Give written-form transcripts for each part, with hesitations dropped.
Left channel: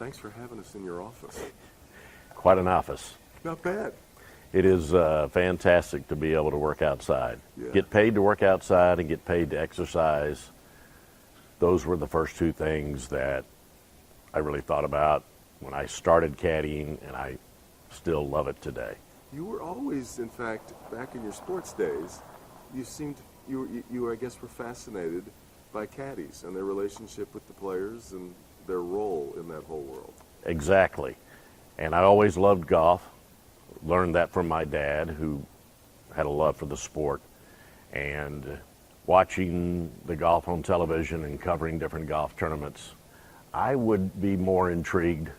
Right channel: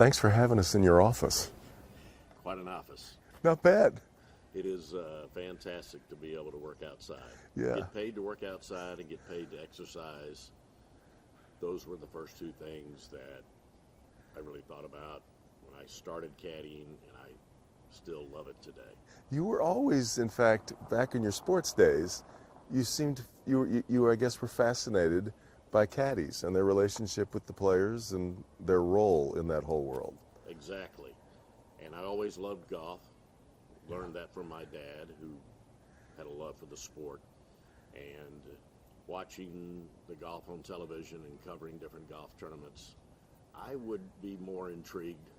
thanks for having us in your office. Quite an office. Not bad. It is fantastic to be able to work outside. Yeah. Get paid to work outside and get paid to exercise. Those were the first two things that I really thought about when I started caddying, and I still love it today. You were always, in fact, back in your sports days, you seemed, you I guess, were fascinated by caddies and their relationship with the players and their role in that whole world. Exactly. And I always loved golf. Learned that from my dad, who had a love for the sport. And watching the golf on television and covering different golf tournaments, I would be more intrigued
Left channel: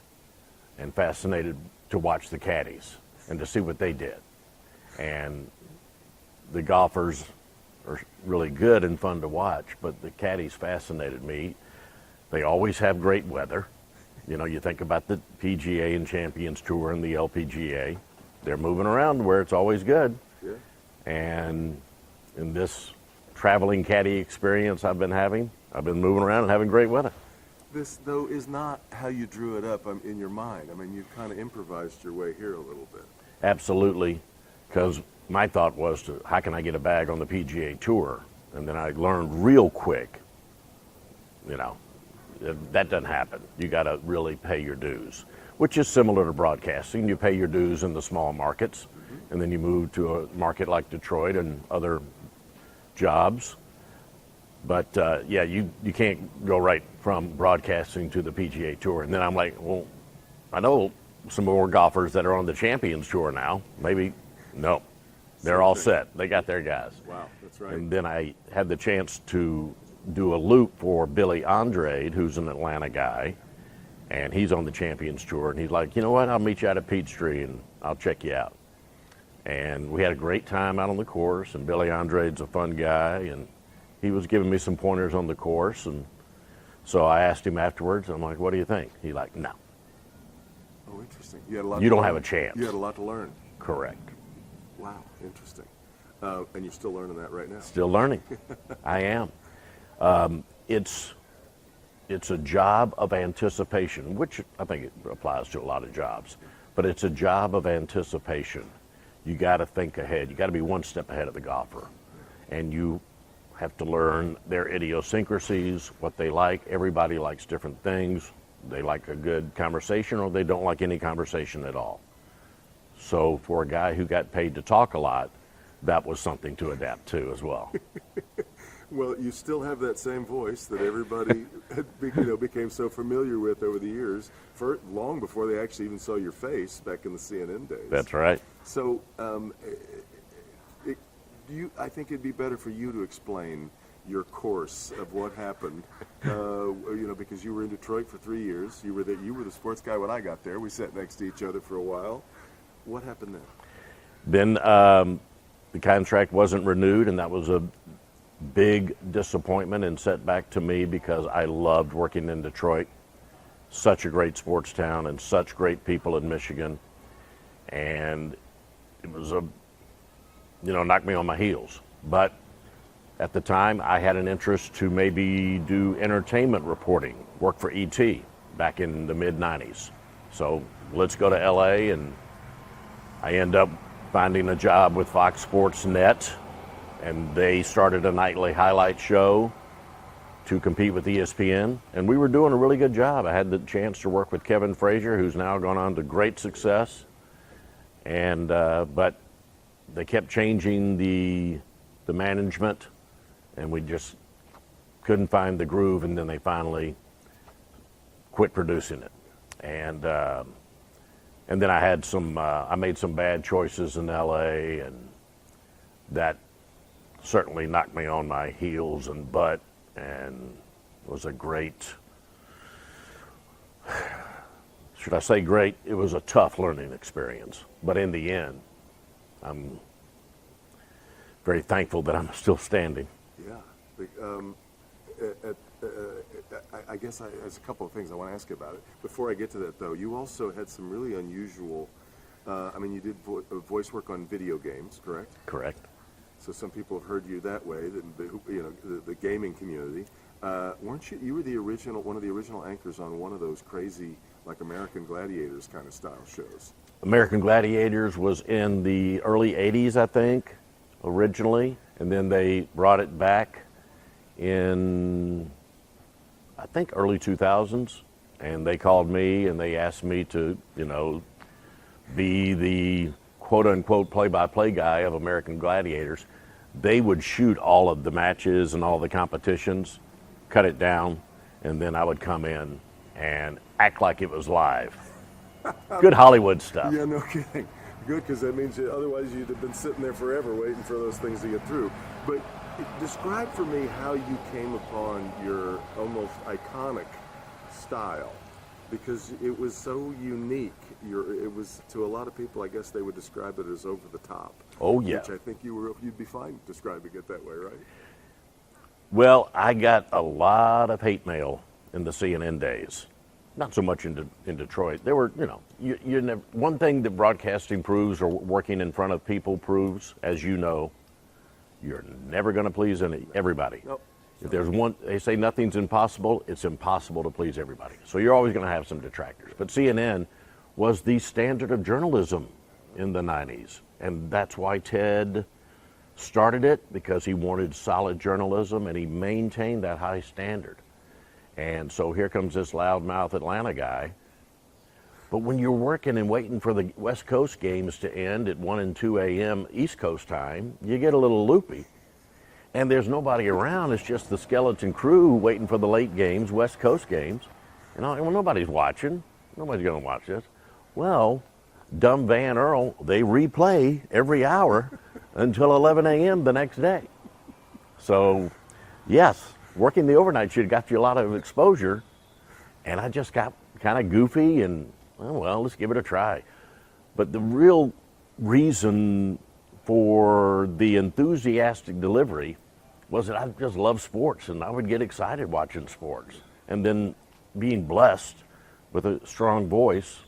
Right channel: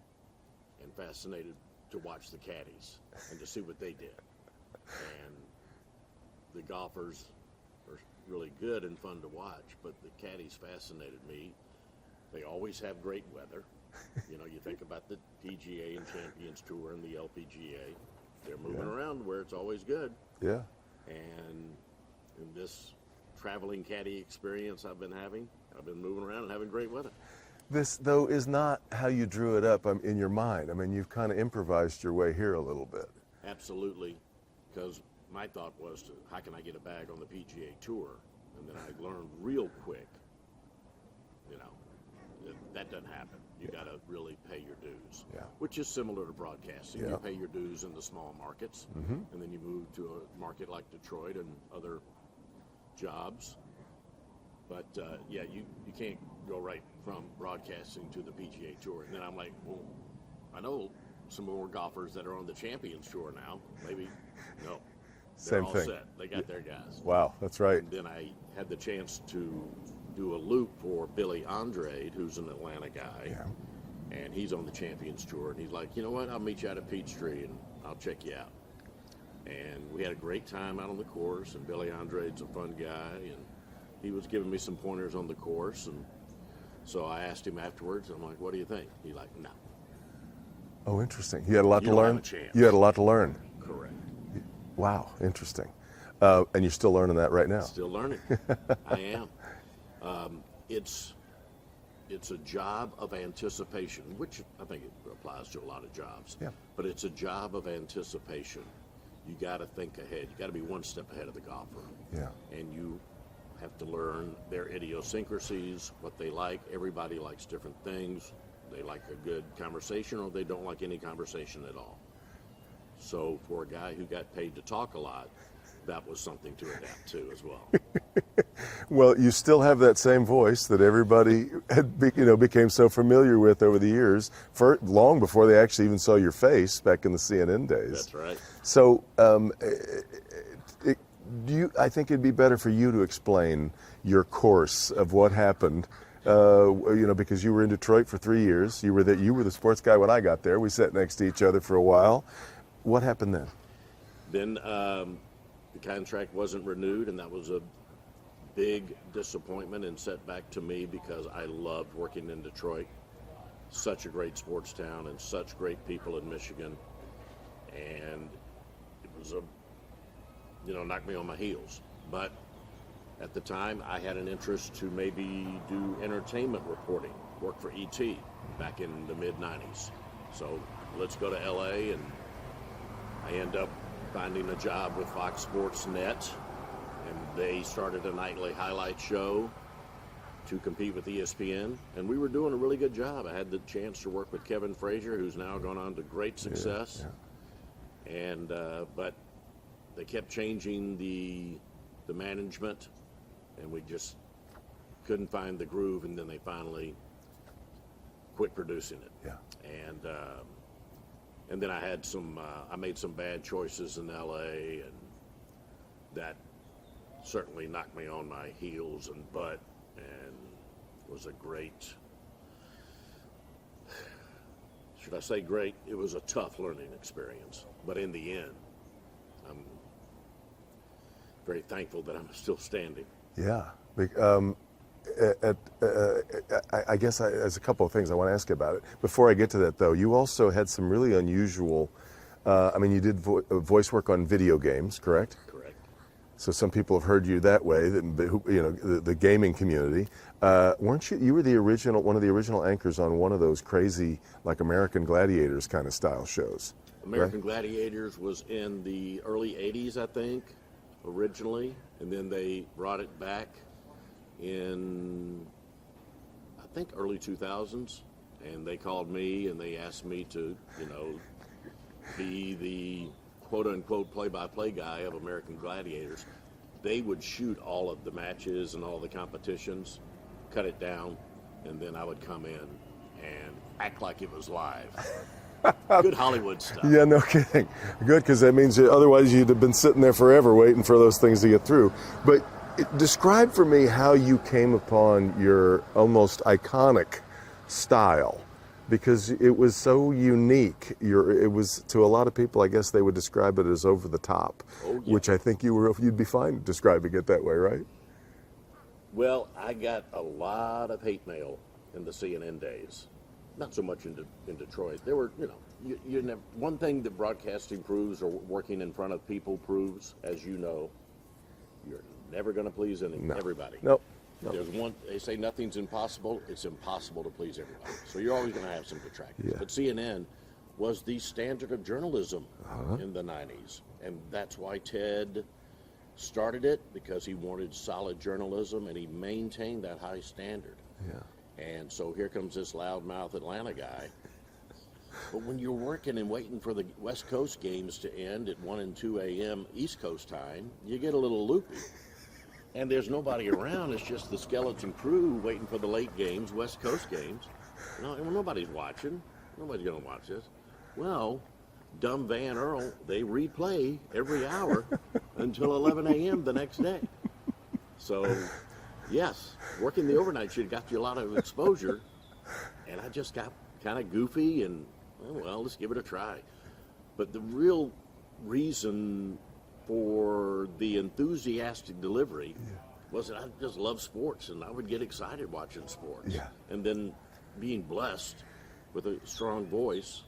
and fascinated to watch the caddies and to see what they did. And the golfers are really good and fun to watch, but the caddies fascinated me. They always have great weather. You know, you think about the PGA and Champions Tour and the LPGA. They're moving around where it's always good. Yeah. And in this traveling caddy experience I've been having, I've been moving around and having great weather. This, though, is not how you drew it up in your mind. I mean, you've kind of improvised your way here a little bit. Absolutely, because my thought was, how can I get a bag on the PGA Tour? And then I learned real quick, you know, that doesn't happen. You got to really pay your dues, which is similar to broadcasting. You pay your dues in the small markets, and then you move to a market like Detroit and other jobs. But yeah, you can't go right from broadcasting to the PGA Tour. And then I'm like, well, I know some more golfers that are on the Champions Tour now. Maybe, no, they're Same all thing. set. They got their guys. Wow, that's right. And then I had the chance to do a loop for Billy Andrade, who's an Atlanta guy, and he's on the Champions Tour. And he's like, you know what, I'll meet you out at Peachtree and I'll check you out. And we had a great time out on the course, and Billy Andrade's a fun guy, and he was giving me some pointers on the course. And so I asked him afterwards, and I'm like, what do you think? He's like, no. Oh, interesting. You had a lot You to don't learn. have a chance. You had a lot to learn. Correct. Wow, interesting. And you're still learning that right now. Still learning. I am. It's a job of anticipation, which I think it applies to a lot of jobs. Yeah. But it's a job of anticipation. You got to think ahead. You got to be one step ahead of the golfer. Yeah. And you have to learn their idiosyncrasies, what they like. Everybody likes different things. They like a good conversation, or they don't like any conversation at all. So for a guy who got paid to talk a lot, that was something to adapt to as well. Well, you still have that same voice that everybody became so familiar with over the years, for long before they actually even saw your face back in the CNN days. That's right. So, I think it'd be better for you to explain your course of what happened. Because you were in Detroit for 3 years. You were the sports guy when I got there. We sat next to each other for a while. What happened then? Then the contract wasn't renewed, and that was a big disappointment and setback to me, because I loved working in Detroit. Such a great sports town and such great people in Michigan. And it was knocked me on my heels. But at the time, I had an interest to maybe do entertainment reporting, work for ET back in the mid-90s. So let's go to LA, and I end up finding a job with Fox Sports Net, and they started a nightly highlight show to compete with ESPN, and we were doing a really good job. I had the chance to work with Kevin Frazier, who's now gone on to great success, and but they kept changing the management, and we just couldn't find the groove, and then they finally quit producing it. Yeah. And then I had I made some bad choices in LA, and that certainly knocked me on my heels and butt, and was a great, should I say great? It was a tough learning experience. But in the end, I'm very thankful that I'm still standing. Yeah. I guess there's a couple of things I want to ask you about it. Before I get to that, though, you also had some really unusual, you did voice work on video games, correct? Correct. So some people have heard you that way, the gaming community. Weren't you? You were one of the original anchors on one of those crazy, like American Gladiators kind of style shows. American Gladiators was in the early 80s, I think, originally, and then they brought it back in, I think, early 2000s, and they called me and they asked me to, be the quote-unquote play-by-play guy of American Gladiators. They would shoot all of the matches and all the competitions, cut it down, and then I would come in and act like it was live. Good Hollywood stuff. Yeah, no kidding. Good, because that means otherwise you'd have been sitting there forever waiting for those things to get through. But describe for me how you came upon your almost iconic style, because it was so unique. It was, to a lot of people, I guess they would describe it as over the top. Oh, yeah. Which I think you'd be fine describing it that way, right? Well, I got a lot of hate mail in the CNN days. Not so much in Detroit. There were, you never, one thing that broadcasting proves, or working in front of people proves, as you know, you're never going to please everybody. Nope. If there's one, they say nothing's impossible, it's impossible to please everybody. So you're always going to have some detractors. Yeah. But CNN was the standard of journalism in the 90s. And that's why Ted started it, because he wanted solid journalism and he maintained that high standard. And so here comes this loudmouth Atlanta guy. But when you're working and waiting for the West Coast games to end at 1 and 2 a.m. East Coast time, you get a little loopy. And there's nobody around. It's just the skeleton crew waiting for the late games, West Coast games. And nobody's watching. Nobody's going to watch this. Well, dumb Van Earl, they replay every hour until 11 a.m. the next day. So, yes. Working the overnight shift got you a lot of exposure, and I just got kind of goofy and, well, let's give it a try. But the real reason for the enthusiastic delivery was that I just love sports, and I would get excited watching sports. Yeah. And then being blessed with a strong voice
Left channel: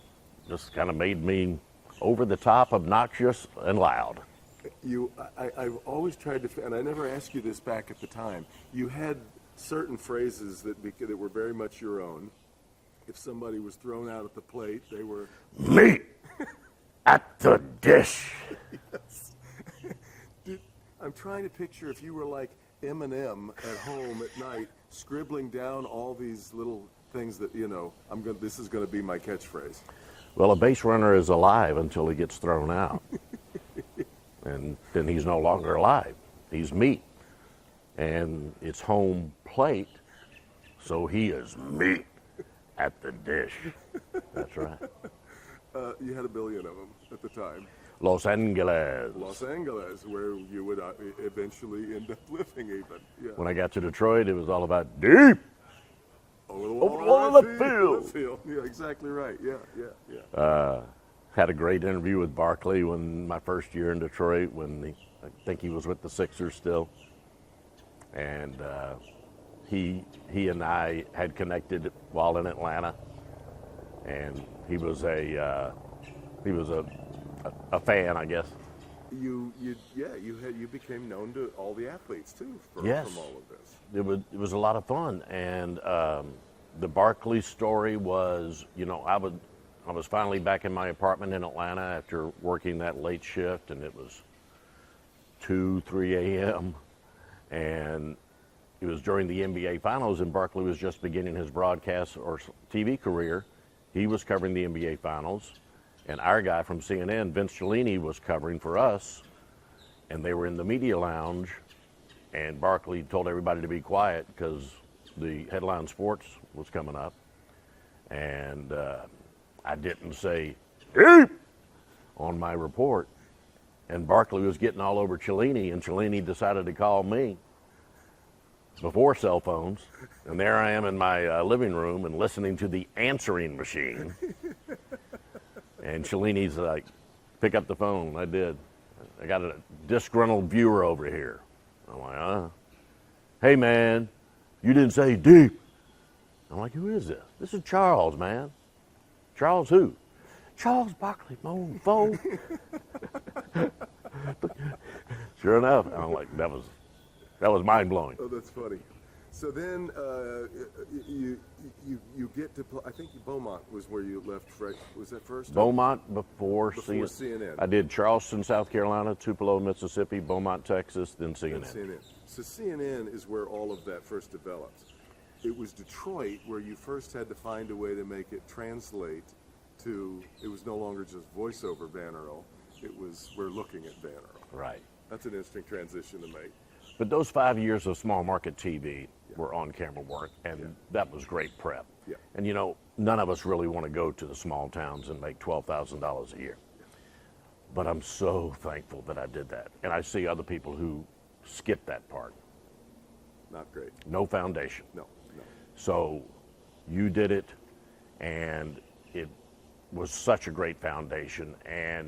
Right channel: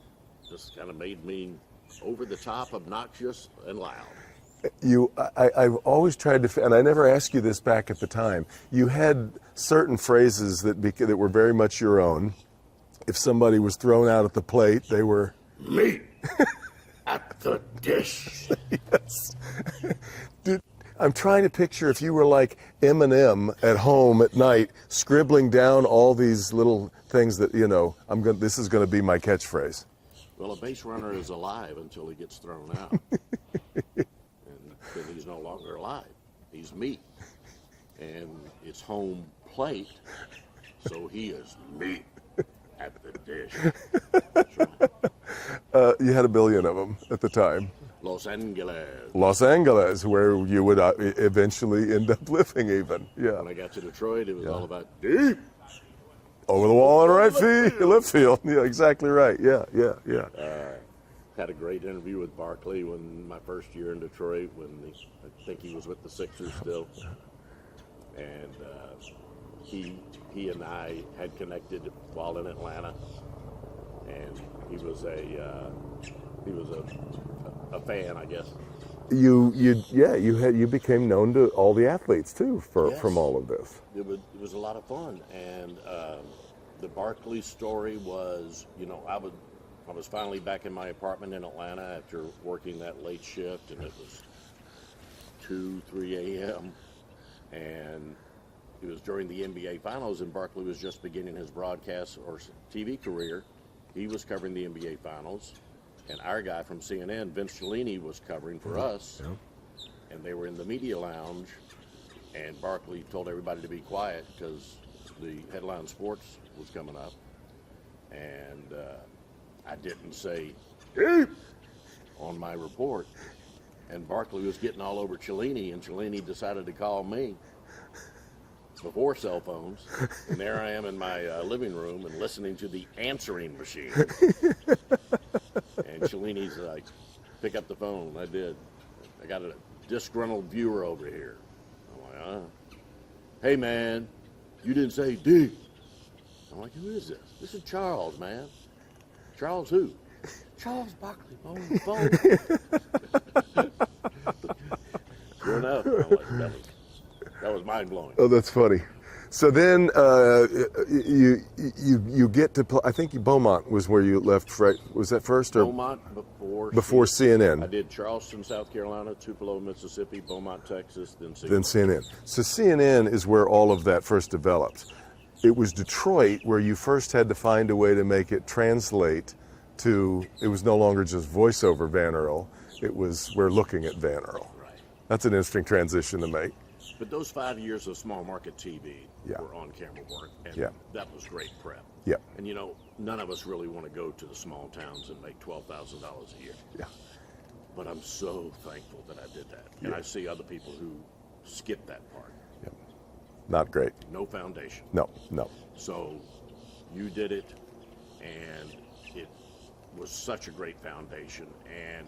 just kind of made me over the top, obnoxious, and loud. I've always tried to, and I never asked you this back at the time. You had certain phrases that were very much your own. If somebody was thrown out at the plate, they were me at the dish. Yes. I'm trying to picture if you were like Eminem at home at night, scribbling down all these little things that this is going to be my catchphrase. Well, a base runner is alive until he gets thrown out. And then he's no longer alive. He's meat. And it's home plate, so he is meat at the dish. That's right. You had a billion of them at the time. Los Angeles. Los Angeles, where you would eventually end up living even. Yeah. When I got to Detroit, it was all about deep. Over the wall in right field. Left field. Yeah, exactly right. Yeah. Had a great interview with Barkley when my first year in Detroit, when I think he was with the Sixers still, and he and I had connected while in Atlanta, and he was a fan, I guess. You became known to all the athletes too Yes. from all of this. It was a lot of fun, and the Barkley story was, I was finally back in my apartment in Atlanta after working that late shift, and it was 2-3 a.m. And it was during the NBA Finals, and Barkley was just beginning his broadcast or TV career. He was covering the NBA Finals, and our guy from CNN, Vince Scillian, was covering for us, and they were in the media lounge, and Barkley told everybody to be quiet because the headline sports was coming up, and I didn't say deep on my report, and Barkley was getting all over Cellini, and Cellini decided to call me before cell phones, and there I am in my living room and listening to the answering machine, and Cellini's like, pick up the phone. I did. I got a disgruntled viewer over here. I'm like, hey man, you didn't say deep. I'm like, who is this? This is Charles, man. Charles who? Charles Barkley, on the phone. Sure Sure enough. I'm like, that was mind blowing. Oh, that's funny. So then you get to play. I think Beaumont was where you left. Right? Was that first? Or Beaumont before CNN. I did Charleston, South Carolina, Tupelo, Mississippi, Beaumont, Texas, then CNN. Then CNN. So CNN is where all of that first developed. It was Detroit where you first had to find a way to make it translate to. It was no longer just voiceover Van Earl. It was we're looking at Van Earl. Right. That's an interesting transition to make. But those 5 years of small market TV Yeah. were on camera work, and Yeah. that was great prep. Yeah. And you know, none of us really want to go to the small towns and make $12,000 a year. Yeah. But I'm so thankful that I did that. And I see other people who skip that part. Not great. No foundation. No. So you did it, and it was such a great foundation and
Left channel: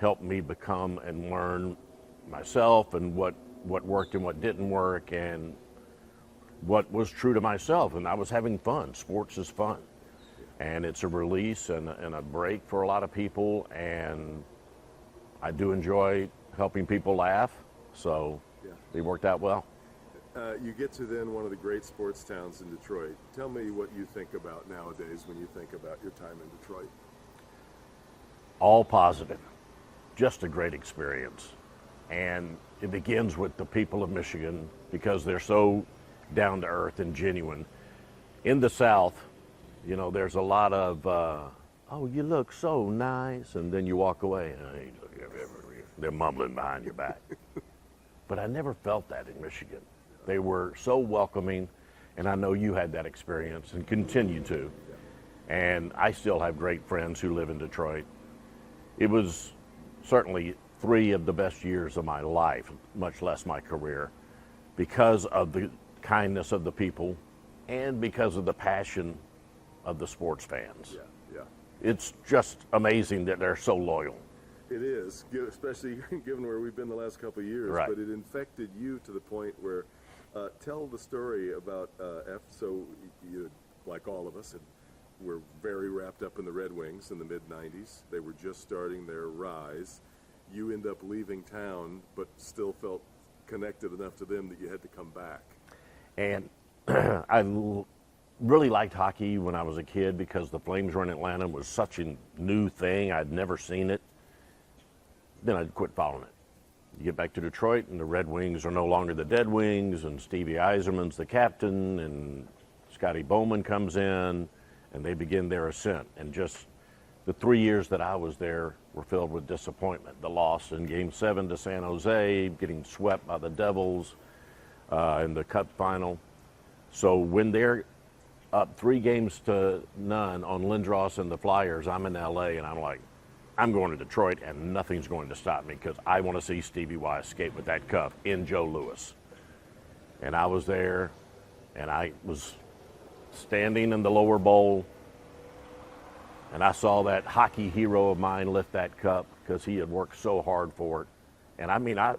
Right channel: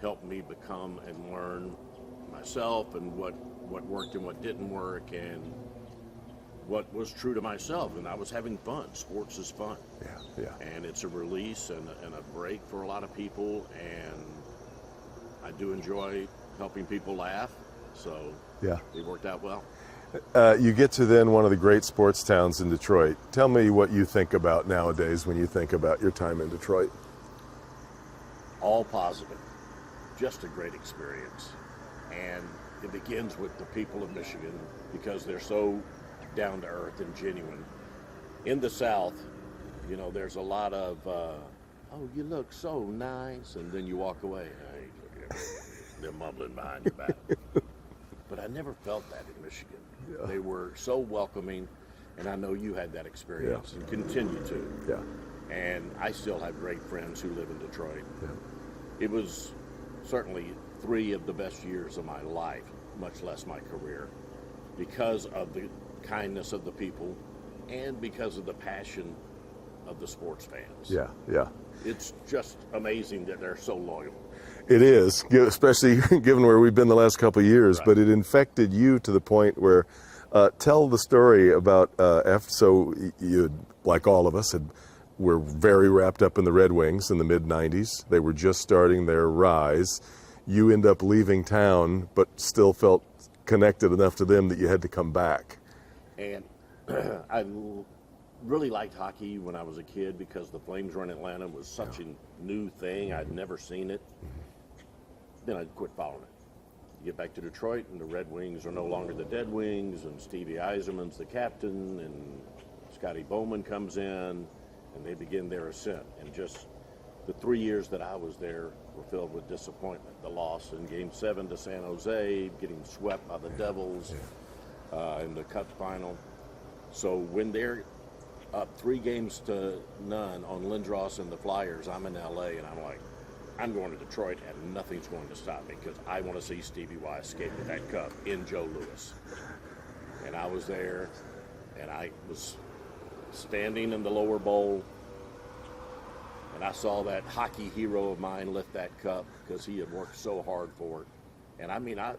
helped me become and learn myself and what worked and what didn't work and what was true to myself. And I was having fun. Sports is fun. Yeah. And it's a release and a break for a lot of people. And I do enjoy helping people laugh. So Yeah. it worked out well. You get to then one of the great sports towns in Detroit. Tell me what you think about nowadays when you think about your time in Detroit. All positive. Just a great experience. And it begins with the people of Michigan because they're so down to earth and genuine. In the South, you know, there's a lot of, oh, you look so nice. And then you walk away and hey, look at everybody. They're mumbling behind your back. But I never felt that in Michigan. Yeah. They were so welcoming. And I know you had that experience and continue to. Yeah. And I still have great friends who live in Detroit. Yeah. It was certainly 3 of the best years of my life, much less my career, because of the kindness of the people and because of the passion of the sports fans. Yeah. It's just amazing that they're so loyal. It is, especially given where we've been the last couple of years, Right. but it infected you to the point where, tell the story about, so you, like all of us, were very wrapped up in the Red Wings in the mid-90s. They were just starting their rise. You end up leaving town, but still felt connected enough to them that you had to come back. And I really liked hockey when I was a kid because the Flames were in Atlanta was such a new thing. I'd never seen it. Then I'd quit following it. You get back to Detroit, and the Red Wings are no longer the Dead Wings, and Stevie Yzerman's the captain, and Scotty Bowman comes in, and they begin their ascent. And just the 3 years that I was there were filled with disappointment. The loss in Game 7 to San Jose, getting swept by the Devils in the Cup final. So when they're up 3-0 on Lindros and the Flyers, I'm in L.A., and I'm like, I'm going to Detroit, and nothing's going to stop me because I want to see Stevie Y escape with that cup in Joe Louis. And I was there, and I was standing in the lower bowl, and I saw that hockey hero of mine lift that cup because he had worked so hard for it. And I mean, I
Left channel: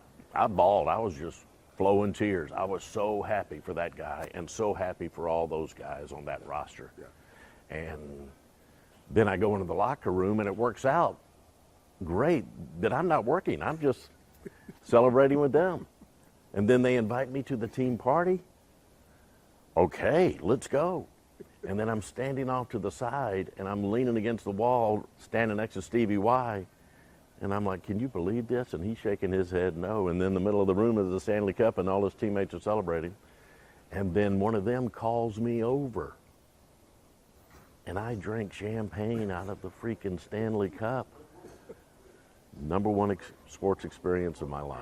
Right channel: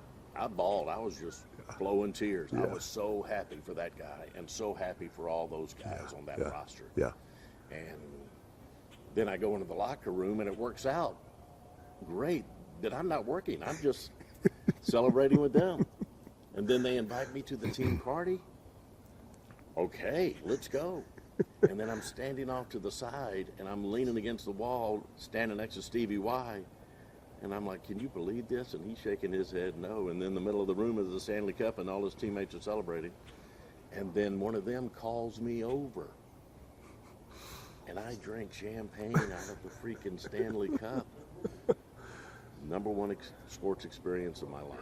bawled. I was just flowing tears. Yeah. I was so happy for that guy and so happy for all those guys on that roster. Yeah. And then I go into the locker room, and it works out great that I'm not working. I'm just celebrating with them. And then they invite me to the team party. Okay, let's go. And then I'm standing off to the side, and I'm leaning against the wall, standing next to Stevie Y. And I'm like, can you believe this? And he's shaking his head no. And then in the middle of the room is the Stanley Cup, and all his teammates are celebrating. And then one of them calls me over. And I drank champagne out of the freaking Stanley Cup. Number one sports experience of my life.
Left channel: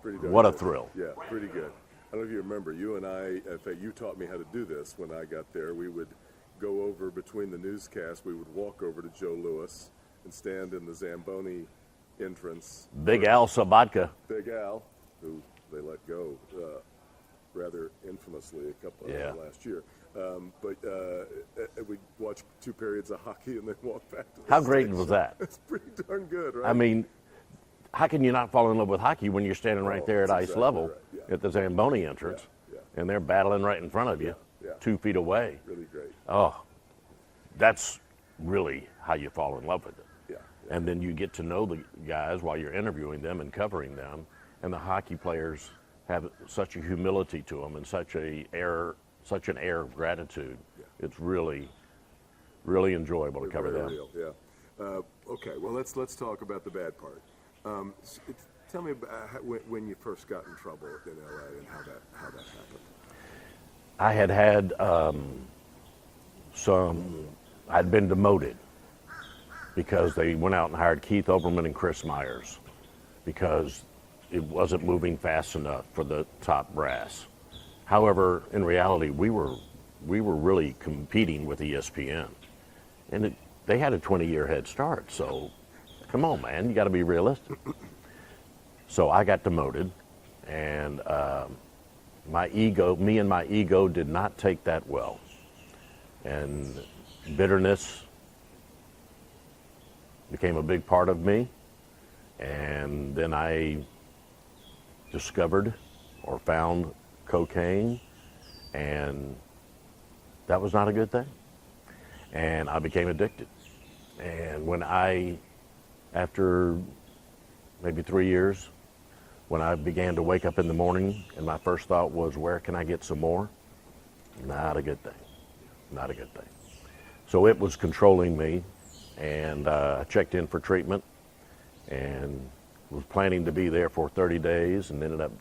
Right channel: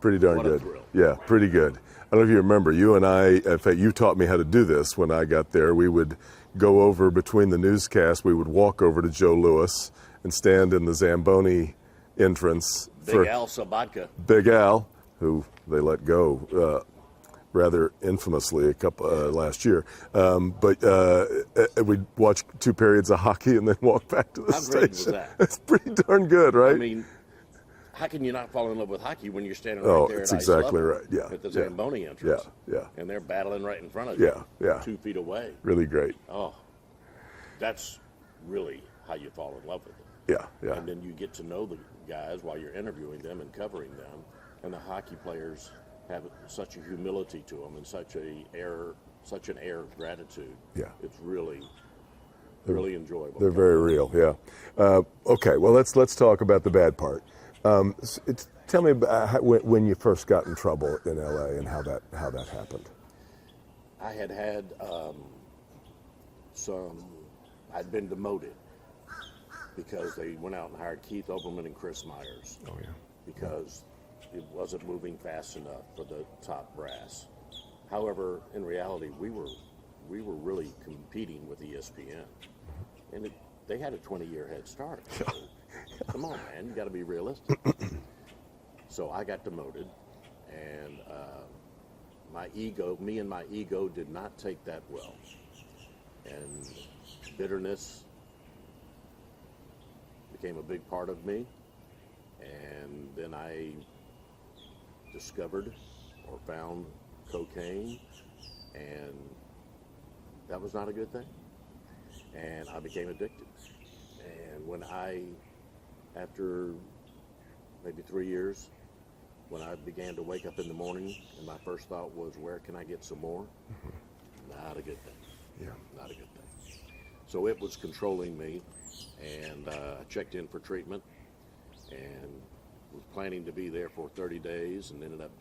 Pretty darn good. What a thrill. Yeah, pretty good. I don't know if you remember, you and I, in fact, you taught me how to do this when I got there. We would go over between the newscasts, we would walk over to Joe Louis and stand in the Zamboni entrance. Big Al Sabatka. Big Al, who they let go rather infamously last year. But we'd watch 2 periods of hockey and then walk back to the How station. great was that? That's pretty darn good, right? I mean, how can you not fall in love with hockey when you're standing right there at ice level right. at the Zamboni entrance? Yeah. And they're battling right in front of you, 2 feet away. Really great. Oh, that's really how you fall in love with it. Yeah. And then you get to know the guys while you're interviewing them and covering them. And the hockey players have such a humility to them and such an air of gratitude. Yeah. It's really enjoyable. They're very real, yeah. Okay, well, let's talk about the bad part. Tell me about when you first got in trouble in LA and how that happened. I had I'd been demoted because they went out and hired Keith Oberman and Chris Myers because it wasn't moving fast enough for the top brass. However, in reality, we were really competing with ESPN, and they had a 20-year head start. So, come on, man, you got to be realistic. So I got demoted, and me and my ego did not take that well, and bitterness became a big part of me. And then I discovered or found cocaine, and that was not a good thing. And I became addicted. And after maybe 3 years, when I began to wake up in the morning and my first thought was, where can I get some more? Not a good thing. Yeah. Not a good thing. So it was controlling me, and I checked in for treatment and was planning to be there for 30 days and ended up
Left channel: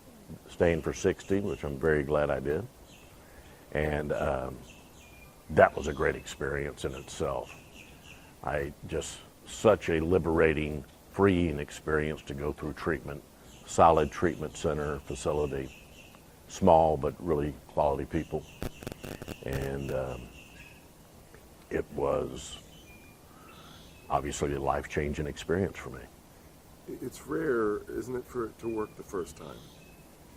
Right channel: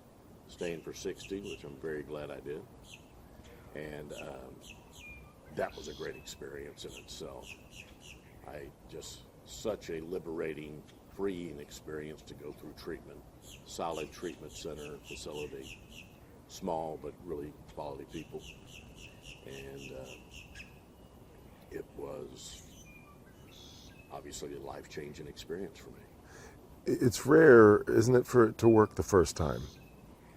staying for 60, which I'm very glad I did. And that was a great experience in itself. Such a liberating, freeing experience to go through treatment, solid treatment center facility, small but really quality people. And it was obviously a life-changing experience for me. It's rare, isn't it, for it to work the first time,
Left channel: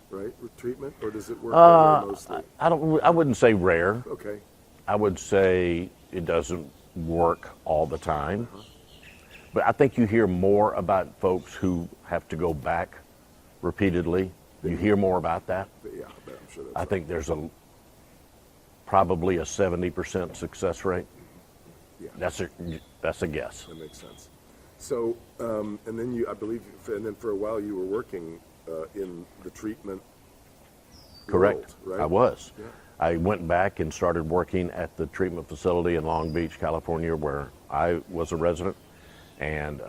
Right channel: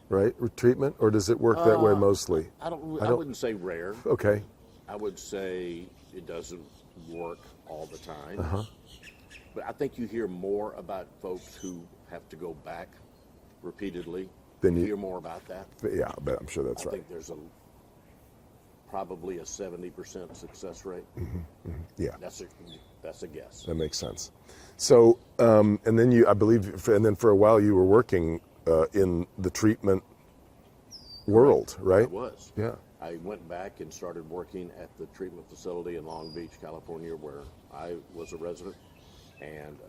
right? With treatment, or does it work that way mostly? I wouldn't say rare. Okay. I would say it doesn't work all the time. But I think you hear more about folks who have to go back repeatedly. You hear more about that. Yeah, I bet I'm sure that's I right. think there's probably a 70% success rate. Yeah. That's a guess. That makes sense. So, and then I believe, for a while you were working in the treatment world, right? I was. Yeah. I went back and started working at the treatment facility in Long Beach, California, where I was a resident. And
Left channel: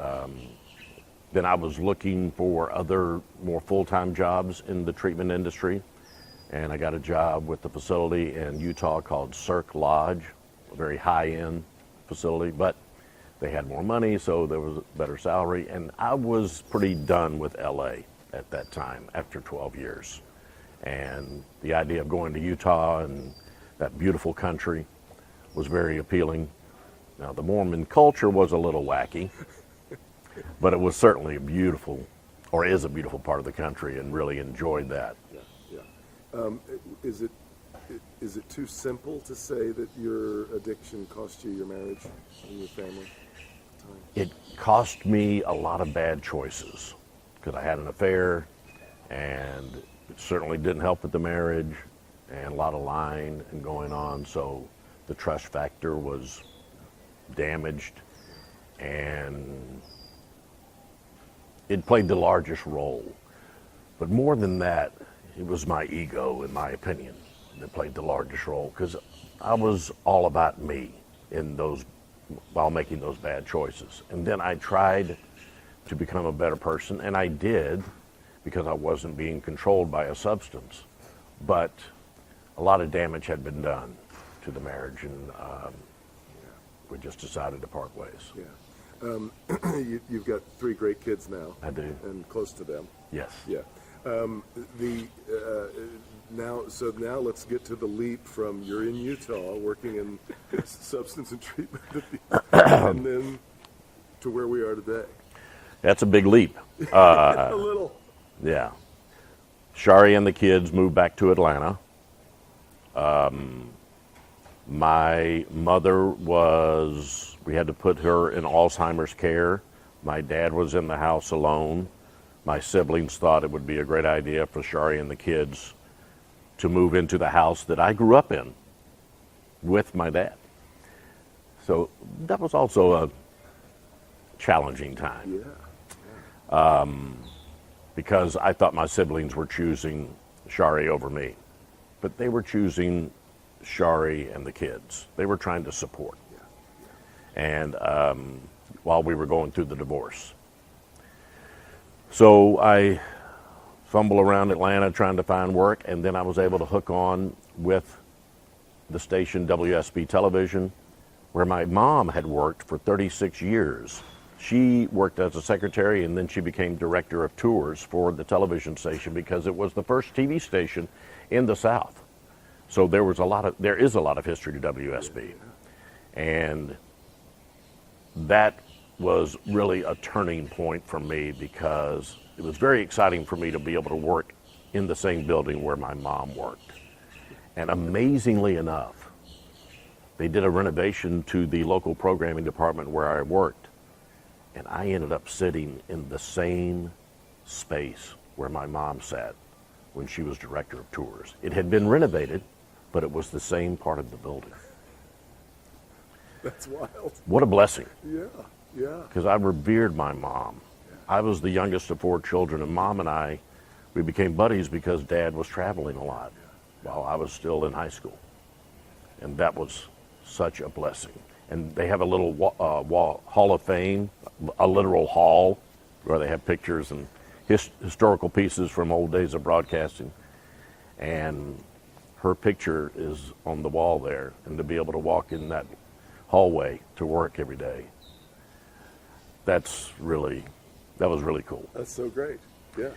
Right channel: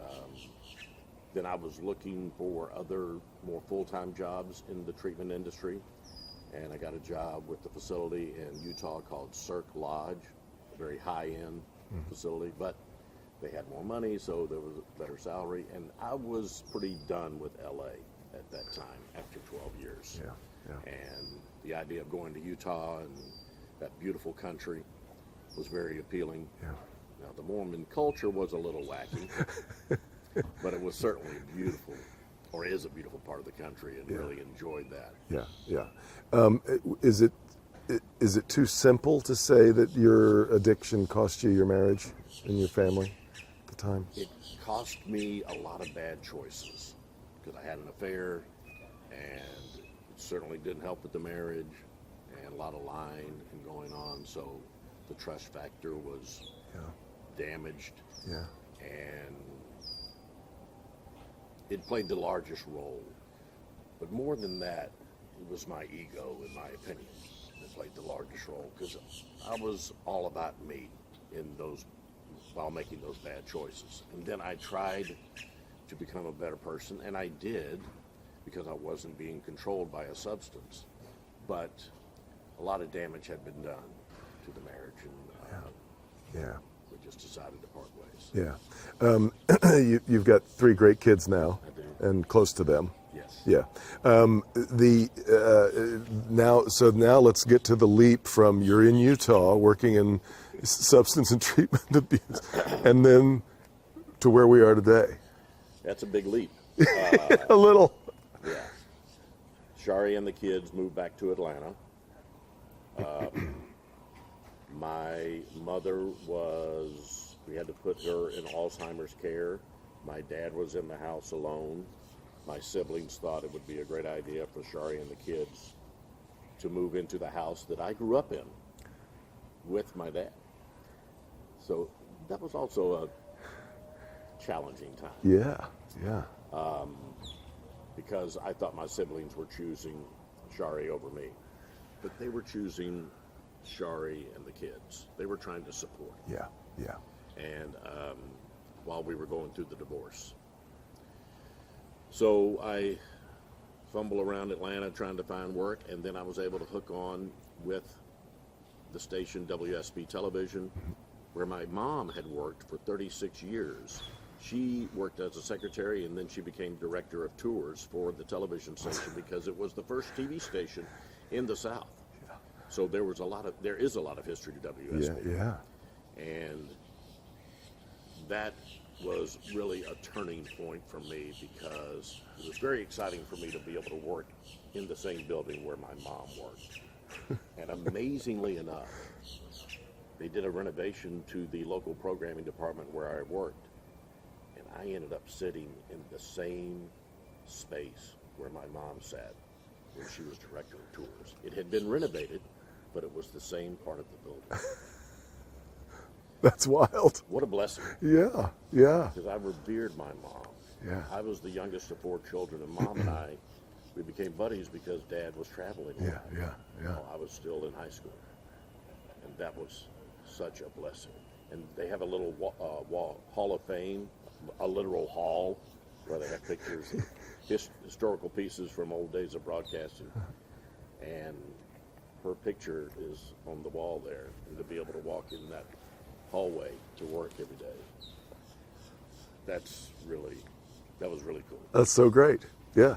then I was looking for other more full-time jobs in the treatment industry. And I got a job with the facility in Utah called Cirque Lodge, a very high-end facility, but they had more money, so there was a better salary. And I was pretty done with LA at that time after 12 years. And the idea of going to Utah and that beautiful country was very appealing. Now, the Mormon culture was a little wacky, but it was certainly is a beautiful part of the country, and really enjoyed that. Yeah. Is it too simple to say that your addiction cost you your marriage and your family at the time? It cost me a lot of bad choices because I had an affair, and it certainly didn't help with the marriage, and a lot of lying and going on. So the trust factor was damaged, and it played the largest role. But more than that, it was my ego, in my opinion, that played the largest role, because I was all about me while making those bad choices. And then I tried to become a better person, and I did, because I wasn't being controlled by a substance. But a lot of damage had been done to the marriage, and we just decided to part ways. Yeah. You've got 3 great kids now. I do. And close to them. Yes. Yeah. Now let's get to the leap from you're in Utah working in substance and treatment abuse, and then to where we are today. That's a big leap. A little. Yeah. Shari and the kids moved back to Atlanta. My mother we had to put her in Alzheimer's care. My dad was in the house alone. My siblings thought it would be a great idea for Shari and the kids to move into the house that I grew up in with my dad. So that was also a challenging time. Yeah. because I thought my siblings were choosing Shari over me. But they were choosing Shari and the kids. They were trying to support. Yeah, yeah. And while we were going through the divorce. So I fumble around Atlanta trying to find work, and then I was able to hook on with the station WSB Television, where my mom had worked for 36 years. She worked as a secretary, and then she became director of tours for the television station because it was the first TV station in the South. So there is a lot of history to WSB. Yeah. And that was really a turning point for me because it was very exciting for me to be able to work in the same building where my mom worked. And amazingly enough, they did a renovation to the local programming department where I worked. And I ended up sitting in the same space where my mom sat when she was director of tours. It had been renovated, but it was the same part of the building. That's wild. What a blessing. Yeah, yeah. Because I revered my mom. Yeah. I was the youngest of 4 children, and Mom and I, we became buddies because Dad was traveling a lot while I was still in high school. And that was such a blessing. And they have a little Hall of Fame, a literal hall, where they have pictures and historical pieces from old days of broadcasting. And her picture is on the wall there, and to be able to walk in that hallway to work every day, that was really cool. That's so great. Yeah.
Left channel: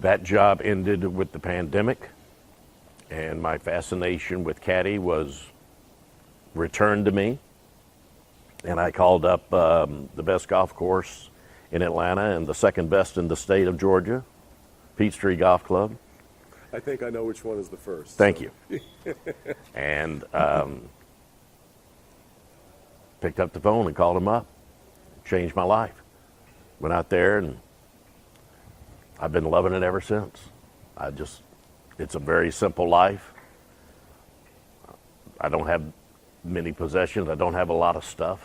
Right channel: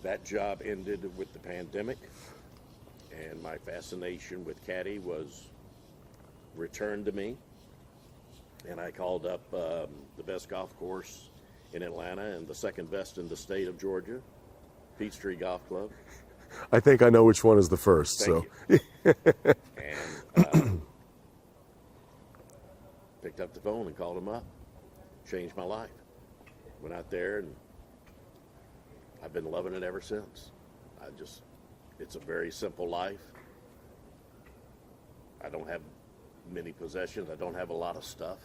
That job ended with the pandemic, and my fascination with caddy was returned to me. And I called up the best golf course in Atlanta and the second best in the state of Georgia, Peachtree Golf Club. I think I know which one is the first. Thank you. And picked up the phone and called him up. Changed my life. Went out there, and I've been loving it ever since. It's a very simple life. I don't have many possessions. I don't have a lot of stuff,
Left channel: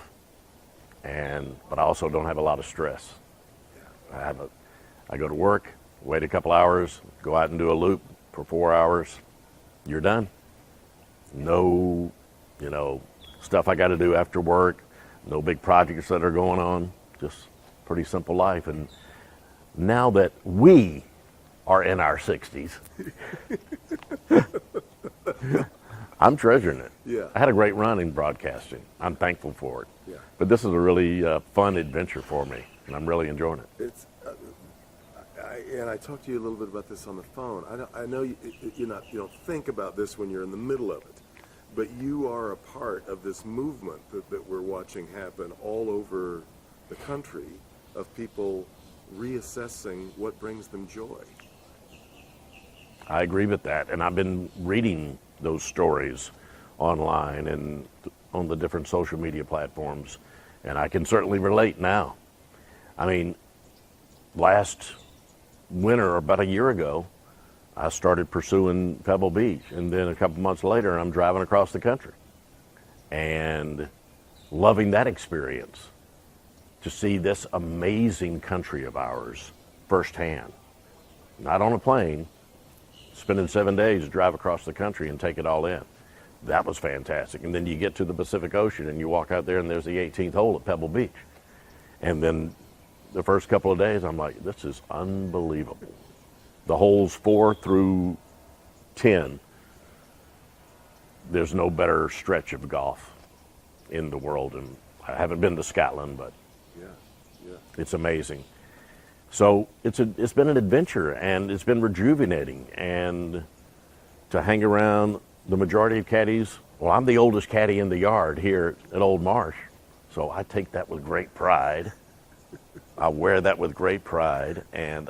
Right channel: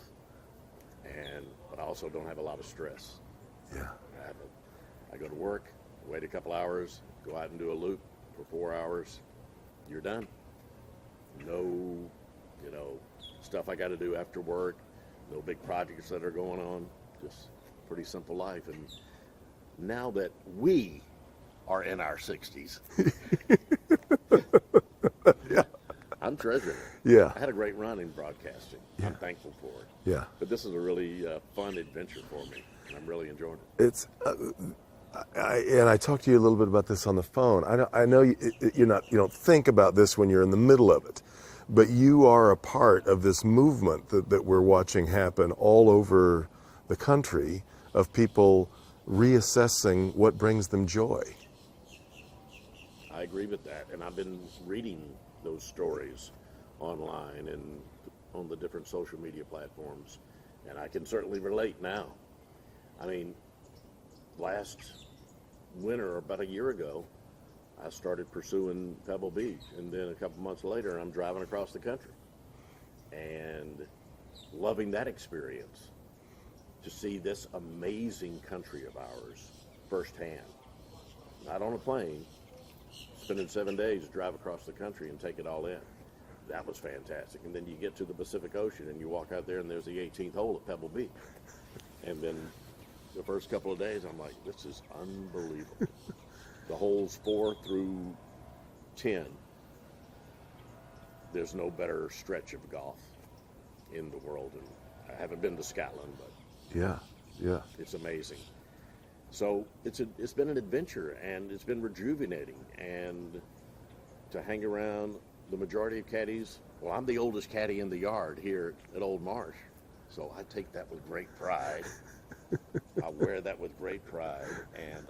but I also don't have a lot of stress. Yeah. I go to work, wait a couple hours, go out and do a loop for 4 hours. You're done. No, stuff I got to do after work. No big projects that are going on. Just pretty simple life. And now that we are in our 60s, I'm treasuring it. Yeah. I had a great run in broadcasting. I'm thankful for it. Yeah. But this is a really fun adventure for me, and I'm really enjoying it. It's, and I talked to you a little bit about this on the phone. I know you don't think about this when you're in the middle of it, but you are a part of this movement that we're watching happen all over the country of people reassessing what brings them joy. I agree with that, and I've been reading those stories online and on the different social media platforms, and I can certainly relate now. I mean, last winter, about a year ago, I started pursuing Pebble Beach, and then a couple months later, I'm driving across the country and loving that experience, to see this amazing country of ours firsthand. Not on a plane, spending 7 days to drive across the country and take it all in. That was fantastic. And then you get to the Pacific Ocean and you walk out there and there's the 18th hole at Pebble Beach. And then the first couple of days, I'm like, this is unbelievable. The holes 4 through 10, there's no better stretch of golf in the world. And I haven't been to Scotland, but Yeah. it's amazing. So it's been an adventure, and it's been rejuvenating. And to hang around the majority of caddies, well, I'm the oldest caddy in the yard here at Old Marsh, so I take that with great pride. I wear that with great pride, and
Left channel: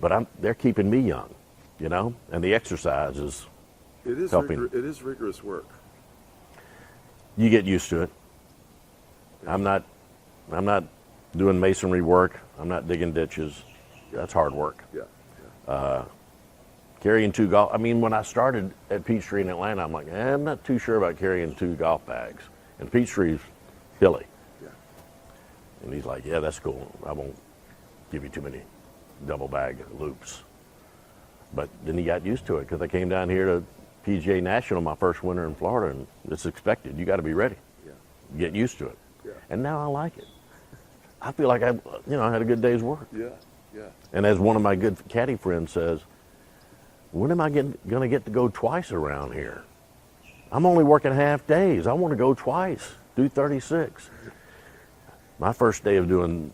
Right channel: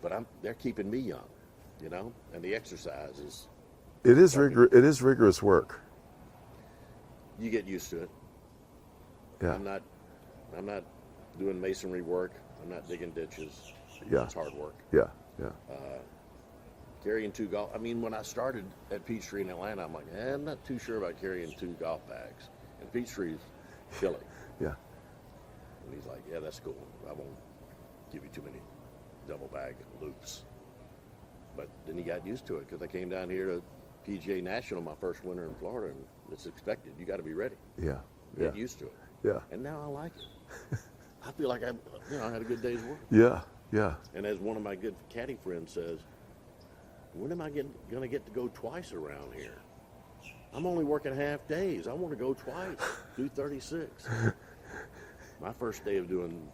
but they're keeping me young, and the exercise is. It is helping. it is rigorous work. You get used to it. Yeah. I'm not doing masonry work. I'm not digging ditches. Yeah. That's hard work. Yeah. Carrying 2 golf. I mean, when I started at Peachtree in Atlanta, I'm like, I'm not too sure about carrying 2 golf bags. And Peachtree's hilly. Yeah. And he's like, yeah, that's cool. I won't give you too many double bag loops. But then he got used to it because I came down here to PGA National my first winter in Florida, and it's expected. You got to be ready. Yeah. Get used to it. Yeah. And now I like it. I feel like I had a good day's work. Yeah. Yeah. And as one of my good caddy friends says, when am I going to get to go twice around here? I'm only working half days. I want to go twice, do 36. My first day of doing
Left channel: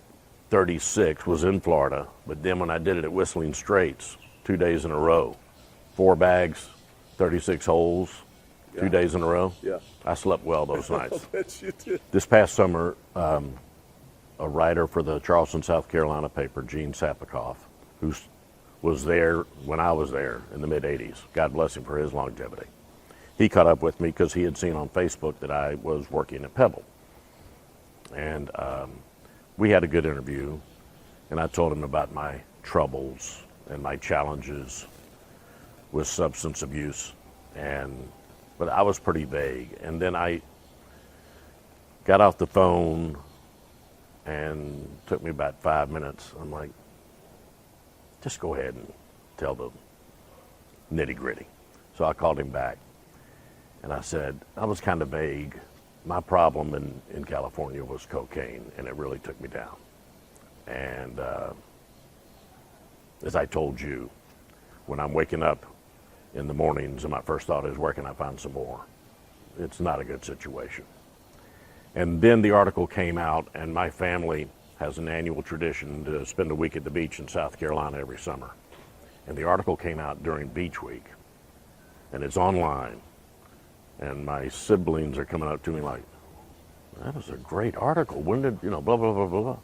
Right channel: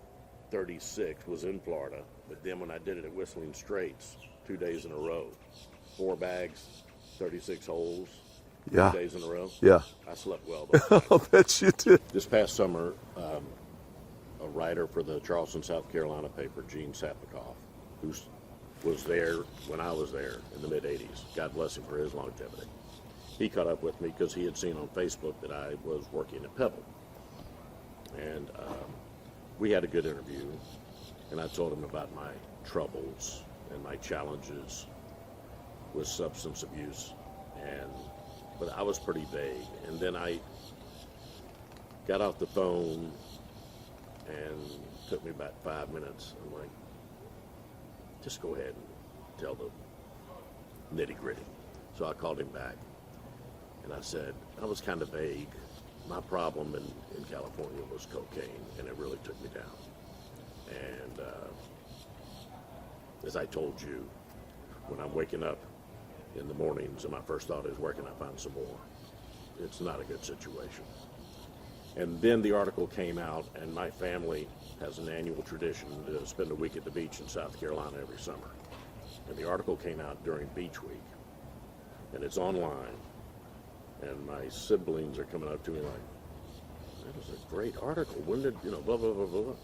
36 was in Florida, but then when I did it at Whistling Straits, 2 days in a row, 4 bags, 36 holes, Yeah. 2 days in a row. Yeah. I slept well those nights. I'll bet you did. This past summer, a writer for the Charleston, South Carolina paper, Gene Sapikoff, who was there when I was there in the mid-'80s, God bless him for his longevity. He caught up with me because he had seen on Facebook that I was working at Pebble. And we had a good interview, and I told him about my troubles and my challenges with substance abuse. But I was pretty vague. And then I got off the phone, and it took me about 5 minutes. I'm like, just go ahead and tell the nitty gritty. So I called him back, and I said, I was kind of vague. My problem in California was cocaine, and it really took me down. And as I told you, when I'm waking up in the mornings and my first thought is, where can I find some more? It's not a good situation. And then the article came out, and my family has an annual tradition to spend a week at the beach in South Carolina every summer. And the article came out during Beach Week, and it's online. And my siblings are coming up to me like, that was a great article. When did, blah, blah, blah, blah, blah.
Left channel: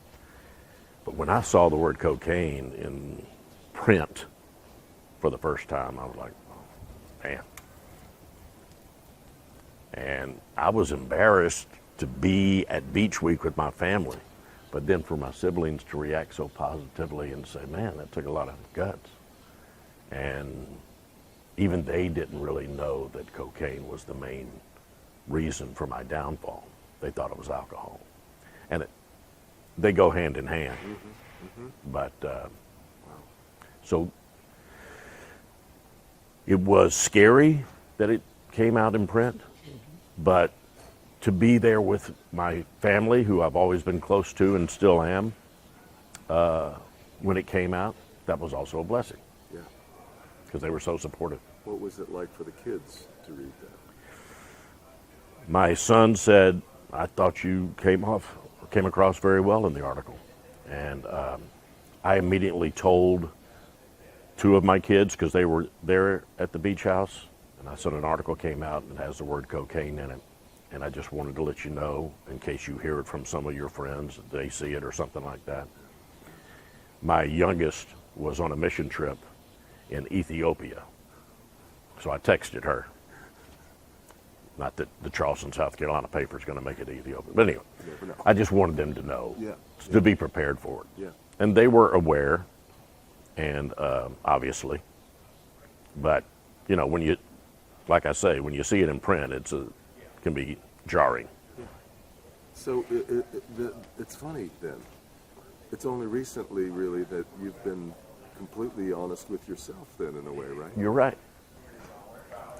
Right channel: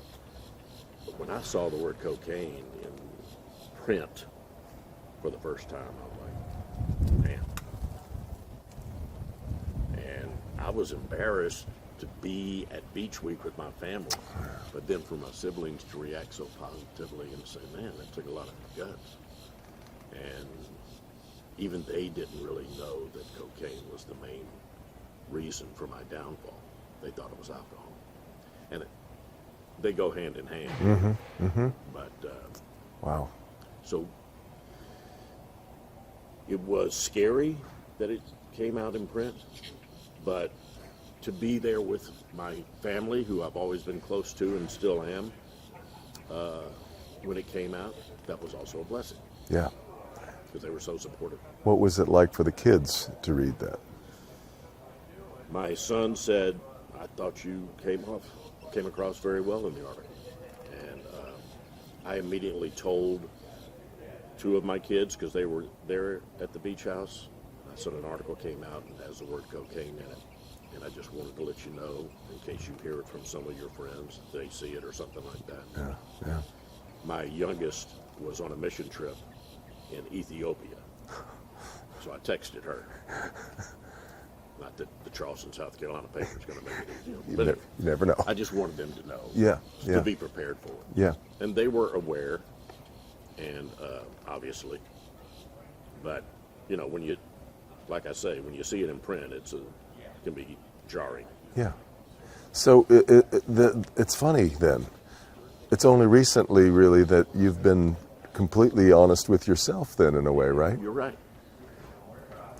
But when I saw the word cocaine in print for the first time, I was like, man. And I was embarrassed to be at Beach Week with my family. But then for my siblings to react so positively and say, man, that took a lot of guts. And even they didn't really know that cocaine was the main reason for my downfall. They thought it was alcohol. And they go hand in hand. Mm-hmm. Mm-hmm. But, Wow. So it was scary that it came out in print, but to be there with my family, who I've always been close to and still am, when it came out, that was also a blessing. Yeah. Because they were so supportive. What was it like for the kids to read that? My son said, I thought you came across very well in the article. And I immediately told 2 of my kids, because they were there at the beach house, and I said an article came out and it has the word cocaine in it. And I just wanted to let you know, in case you hear it from some of your friends, that they see it or something like that. Yeah. Yeah. My youngest was on a mission trip in Ethiopia. So I texted her. Not that the Charleston, South Carolina paper is going to make it to Ethiopia. But anyway, You never know. I just wanted them to know. Yeah. To be prepared for it. Yeah. And they were aware, and obviously. But, when you, like I say, when you see it in print, it can be jarring. Yeah. So it's funny then. It's only recently, really, that you've been completely honest with yourself then, in a way, right? You're right.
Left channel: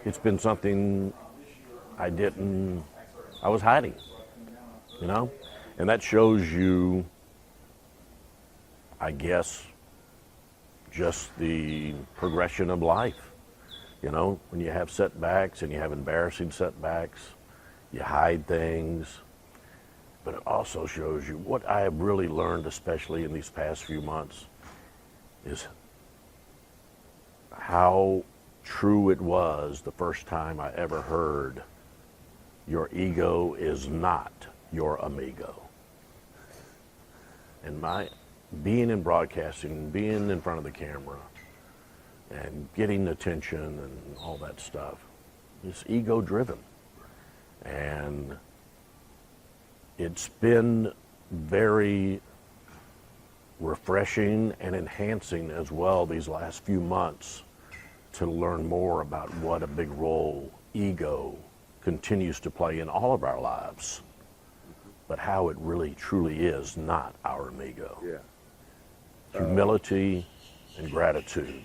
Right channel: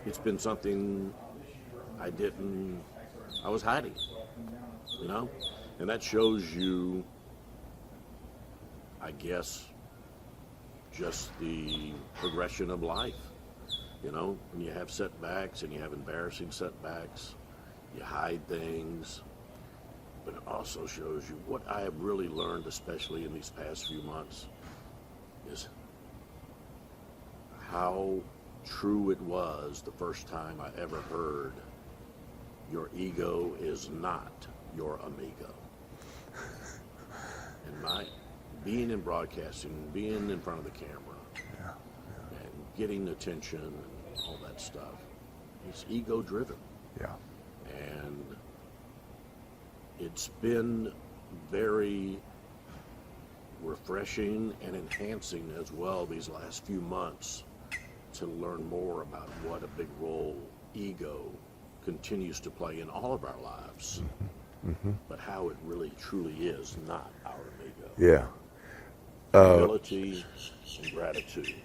It's been something I was hiding, And that shows you, I guess, just the progression of life. When you have setbacks and you have embarrassing setbacks, you hide things. But it also shows you what I have really learned, especially in these past few months, is how true it was the first time I ever heard, your ego is not your amigo. And being in broadcasting, being in front of the camera, and getting attention and all that stuff, it's ego driven. Yeah. And it's been very refreshing and enhancing as well these last few months to learn more about what a big role ego continues to play in all of our lives, but how it really truly is not our amigo. Yeah. Humility and gratitude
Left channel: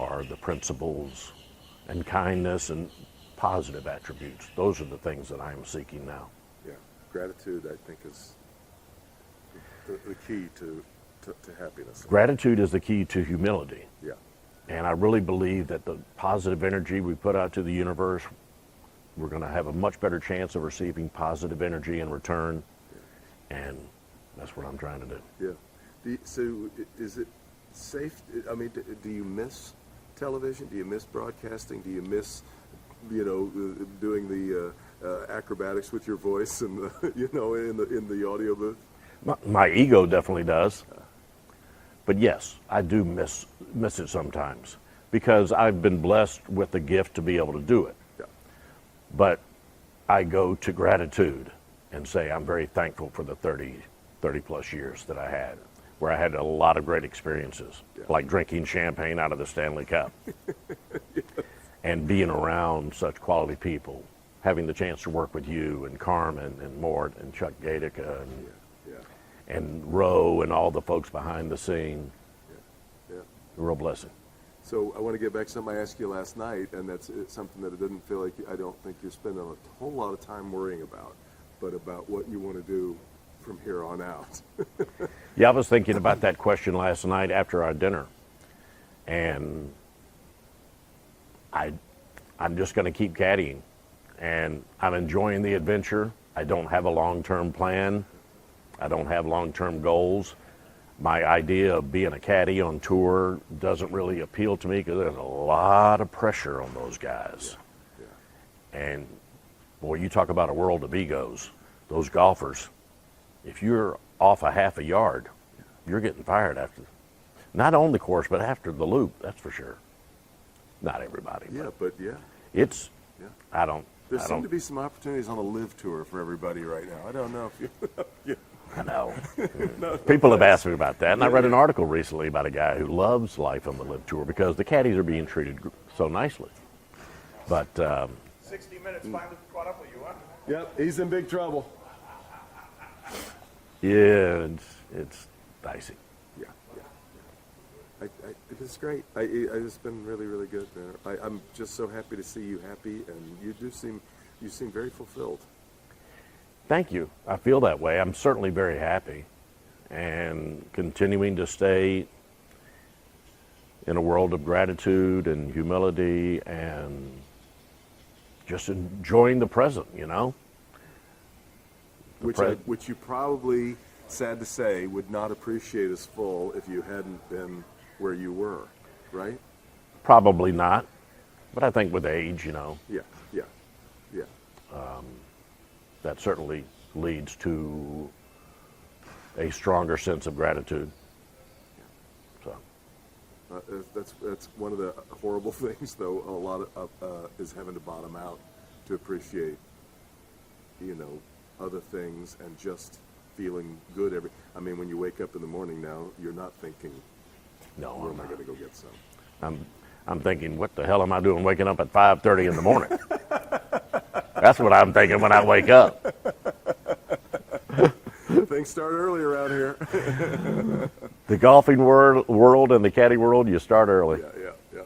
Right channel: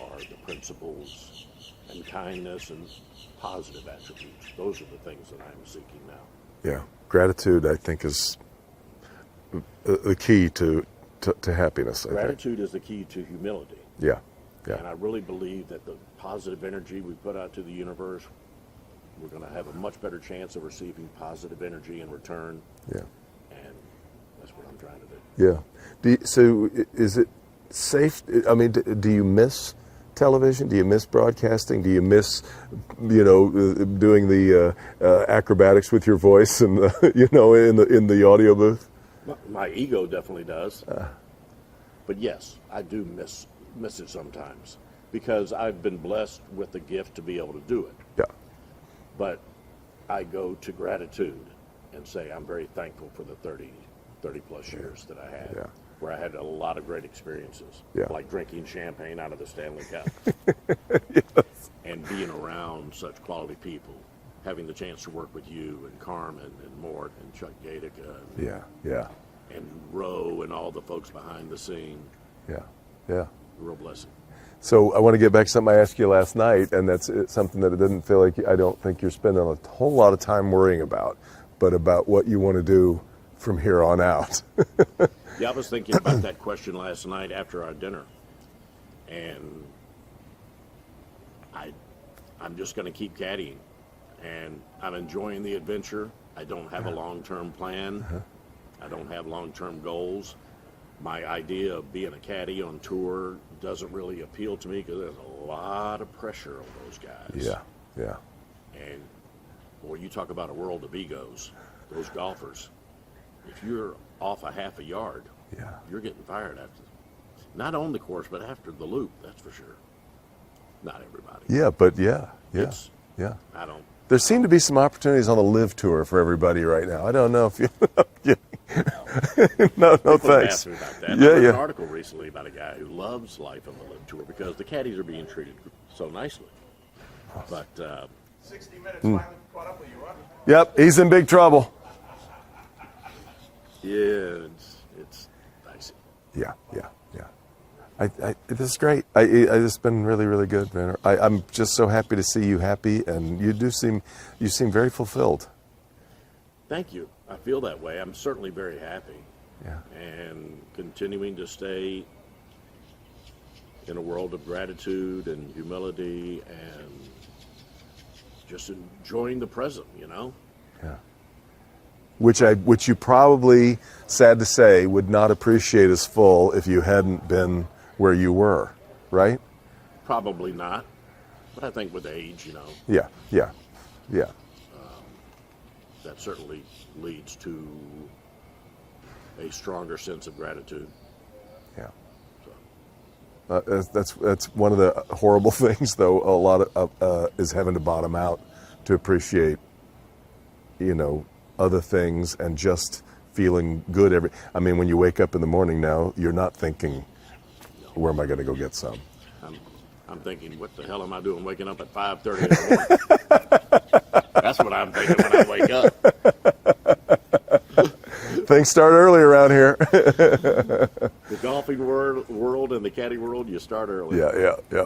are the principles, and kindness and positive attributes. Those are the things that I'm seeking now. Yeah, gratitude, I think, is the key to happiness. Gratitude is the key to humility. Yeah. And I really believe that the positive energy we put out to the universe, we're going to have a much better chance of receiving positive energy in return. Yeah. And that's what I'm trying to do. Yeah. So is it safe? I mean, do you miss television? Do you miss broadcasting? Do you miss, doing the acrobatics with your voice and in the audio booth? My ego definitely does. But yes, I do miss it sometimes because I've been blessed with the gift to be able to do it. Yeah. But I go to gratitude and say I'm very thankful for the 30 plus years that I had, where I had a lot of great experiences, like drinking champagne out of the Stanley Cup and being around such quality people, having the chance to work with you and Carmen and Mort and Chuck Gatica and Roe and all the folks behind the scene. Yeah. A real blessing. So I want to get back to something I asked you last night, and that's something that I didn't feel like I don't think you're spending a whole lot of time worrying about, but about what you want to do from here on out. Yeah, I was thinking about that question last night after our dinner, and I'm just going to keep caddying, and I'm enjoying the adventure. I don't have a long-term plan. I don't have long-term goals. My idea of being a caddy on tour doesn't really appeal to me because there's a lot of pressure on those guys. Yeah. And boy, you talk about a world of egos. Those golfers, if you're off a half a yard, you're getting fired after, not on the course, but after the loop, that's for sure. Not everybody. Yeah, but I don't. There seem to be some opportunities on the live tour for everybody right now. I don't know if you. No. No, People have thanks. asked me about that. And I read an article recently about a guy who loves life on the live tour because the caddies are being treated so nicely. But 60 minutes finally caught up with you, huh? Yep, he's in big trouble. yeah, it's dicey. Yeah. This is great. It's been really, really good, man. I'm just so happy to see you happy, and you seem very fulfilled. Thank you. I feel that way. I'm certainly very happy. Yeah. And continuing to stay in a world of gratitude and humility and just enjoying the present, Yeah. Which you probably, sad to say, would not appreciate as full if you hadn't been where you were, right? Probably not. But I think with age, Yeah. that certainly leads to a stronger sense of gratitude. Yeah. So. That's one of the horrible things, though. A lot of is having to bottom out to appreciate, other things and just feeling good I mean, when you wake up in the morning now, you're not thinking, No. where am I going to go get some? I'm thinking, what the hell am I doing waking up at 5:30 in the morning? That's what I'm thinking when I wake up. Things start early around here. The golfing world and the caddy world, you start early. Yeah.